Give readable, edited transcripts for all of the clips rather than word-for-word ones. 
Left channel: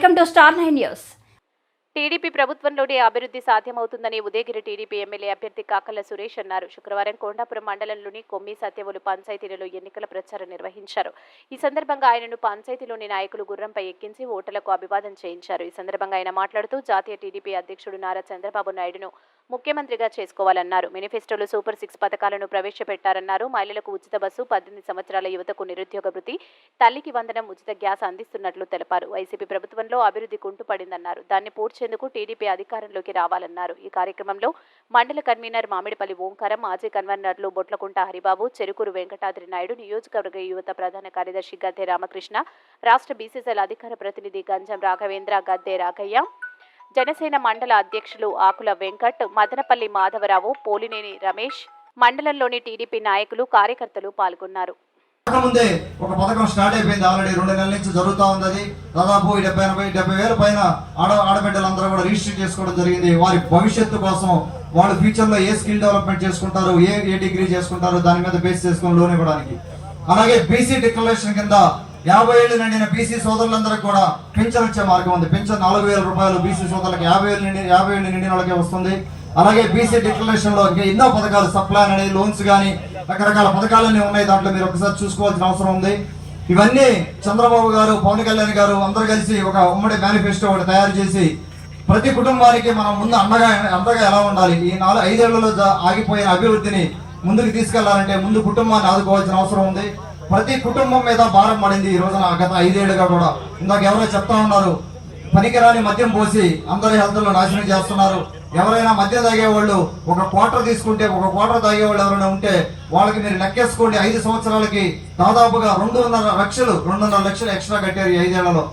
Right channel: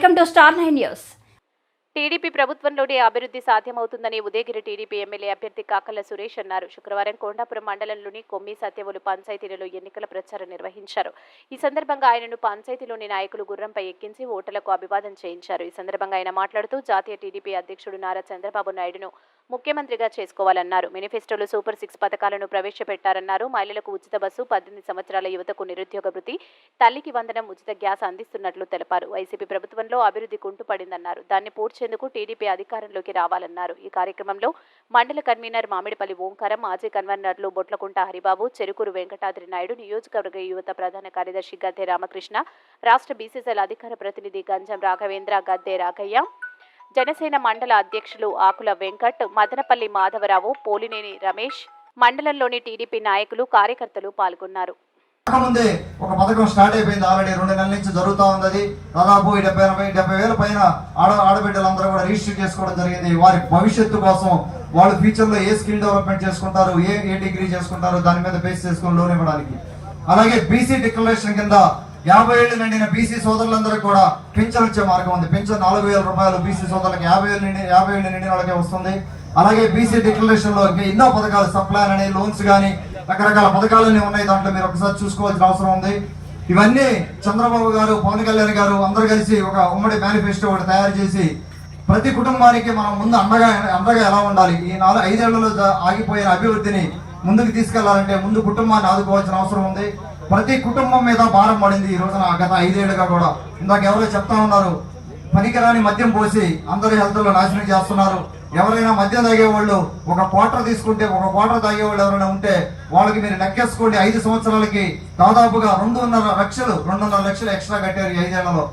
Welcome to star 9 news. TDP ప్రభుత్వంలోనే అభివృద్ధి సాధ్యమవుతుందని ఉదయగిరి టీడీపీ ఎమ్మెల్యే అభ్యర్థి కాకర్ల సురేష్ అన్నారు. శుక్రవారం కొండాపురం మండలంలోని కొమ్మి సత్యవులు పంచాయతీలలో ఎన్నికల ప్రచారం నిర్వహించారు. ఈ సందర్భంగా ఆయనను పంచాయతీలోని నాయకులు గుర్రంపై ఎక్కించి ఓటర్లకు అభివాదం చేయించారు. ఈ సందర్భంగా ఆయన మాట్లాడుతూ జాతీయ టీడీపీ అధ్యక్షుడు నారా చంద్రబాబు నాయుడును ముఖ్యమంత్రిగా చేసుకోవాలన్నారు. మేనిఫెస్టోలో సూపర్ 6 పథకాలను ప్రవేశపెట్టారన్నారు. మహిళలకు ఉచిత బస్సు, 18 సంవత్సరాల యువతకు నిరుద్యోగ వృత్తి, తల్లికి వందనం, ఉచిత గ్యాస్ అందిస్తున్నట్లు తెలిపారు. వైసీపీ ప్రభుత్వంలో అభివృద్ధి కుంటుపడిందన్నారు. దాన్ని పూడ్చేందుకు టీడీపీ అధికారంలోకి రావాలన్నారు. ఈ కార్యక్రమంలో మండల కన్వీనర్ మామిడిపల్లి ఓంకారం, మాజీ కన్వీనర్లు బొట్లకుంట హరిబాబు, చెరుకూరు వెంకటాద్రి నాయుడు, నియోజకవర్గ యువత ప్రధాన కార్యదర్శి గద్దె రామకృష్ణ, రాష్ట్ర బీసీసీఎల్ అధికార ప్రతినిధి గంజం రాఘవేంద్ర, గద్దె రాఘయ్య, జనసేన మండల అధ్యక్షులు ఆకుల వెంకట్, మదనపల్లి మాధవరావు, పోలినేని రమేష్, మండలంలోని టీడీపీ నాయకులు, కార్యకర్తలు పాల్గొన్నారు. ముందే ఒక పథకం స్టార్ట్ అయిపోయింది. ఆల్రెడీ 2 నెలల నుంచి జరుగుతూ ఉంది. దాదాపు 70 వేల పైన ఆడబిడ్డలందరూ కూడా రిజిస్టర్ చేసుకోవడం జరిగింది. వారి భవిష్యత్తు కోసం వాళ్ళు ఫ్యూచర్ లో ఏ స్కిల్ డెవలప్మెంట్ చేసుకుంటారు, ఏ డిగ్రీ చేసుకుంటారు, దాని మీద బేస్ చేసుకుని లోన్ ఇవ్వడానికి. అలాగే బీసీ డిక్లరేషన్ కింద 50 ఏళ్ళు నిండిన బీసీ సోదరులందరికీ కూడా పెన్షన్ వచ్చే మార్గం ఉంది. పెన్షన్ 4,000 రూపాయలు బీసీ సోదరులకు 50 ఏళ్ళు నిండిన వాళ్ళకే వస్తుంది. అలాగే బీసీ డిక్లరేషన్ లో ఇంకా ఎన్నో పథకాలు, సప్లాన్ అనే లోన్స్ కానీ రకరకాల పథకాలన్నీ ఉన్నాయి. దాంట్లో మీరు ఒకసారి చూసుకోవాల్సిన అవసరం ఉంది. ఇవన్నీ చంద్రబాబు గారు, పవన్ కళ్యాణ్ గారు అందరూ కలిసి ఒక ఉమ్మడి మేనిఫెస్టో ఒకటి తయారు చేసి ప్రతి కుటుంబానికి మనం ముందు అండగా ఎలా ఉండాలి, ఈ 5 ఏళ్లలో ఆగిపోయిన అభివృద్ధిని ముందుకు తీసుకెళ్లాలంటే ముందు కుటుంబాన్ని ఆదుకోవాల్సిన అవసరం ఉంది. ప్రతి కుటుంబం మీద భారం పడింది ఈ రోజున గత 5 ఏళ్లుగా కూడా. ఇందాక ఎవరో చెప్తా ఉన్నారు, పనికిరాని మద్యం పోసి అందరి హెల్త్ లో నాశనం చేస్తున్నారు. ఎవరైనా మద్యం తాగేవాళ్ళు ఒక క్వార్టర్ తీసుకుంటే, ఒక క్వార్టర్ తాగేవాళ్ళు ఎవరైనా ఉంటే వాళ్ళకి మీరు లెక్కేసుకోండి, 5 సంవత్సరాలకి దాదాపుగా 2.5 లక్షలు ఎక్స్ట్రా కట్టారు ఈ 5 ఏళ్లలో.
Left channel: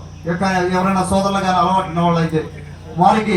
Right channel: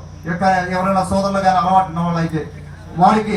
ఎవరైనా సోదరులు కానీ అలవాటు ఉన్న వాళ్ళు అయితే వారికి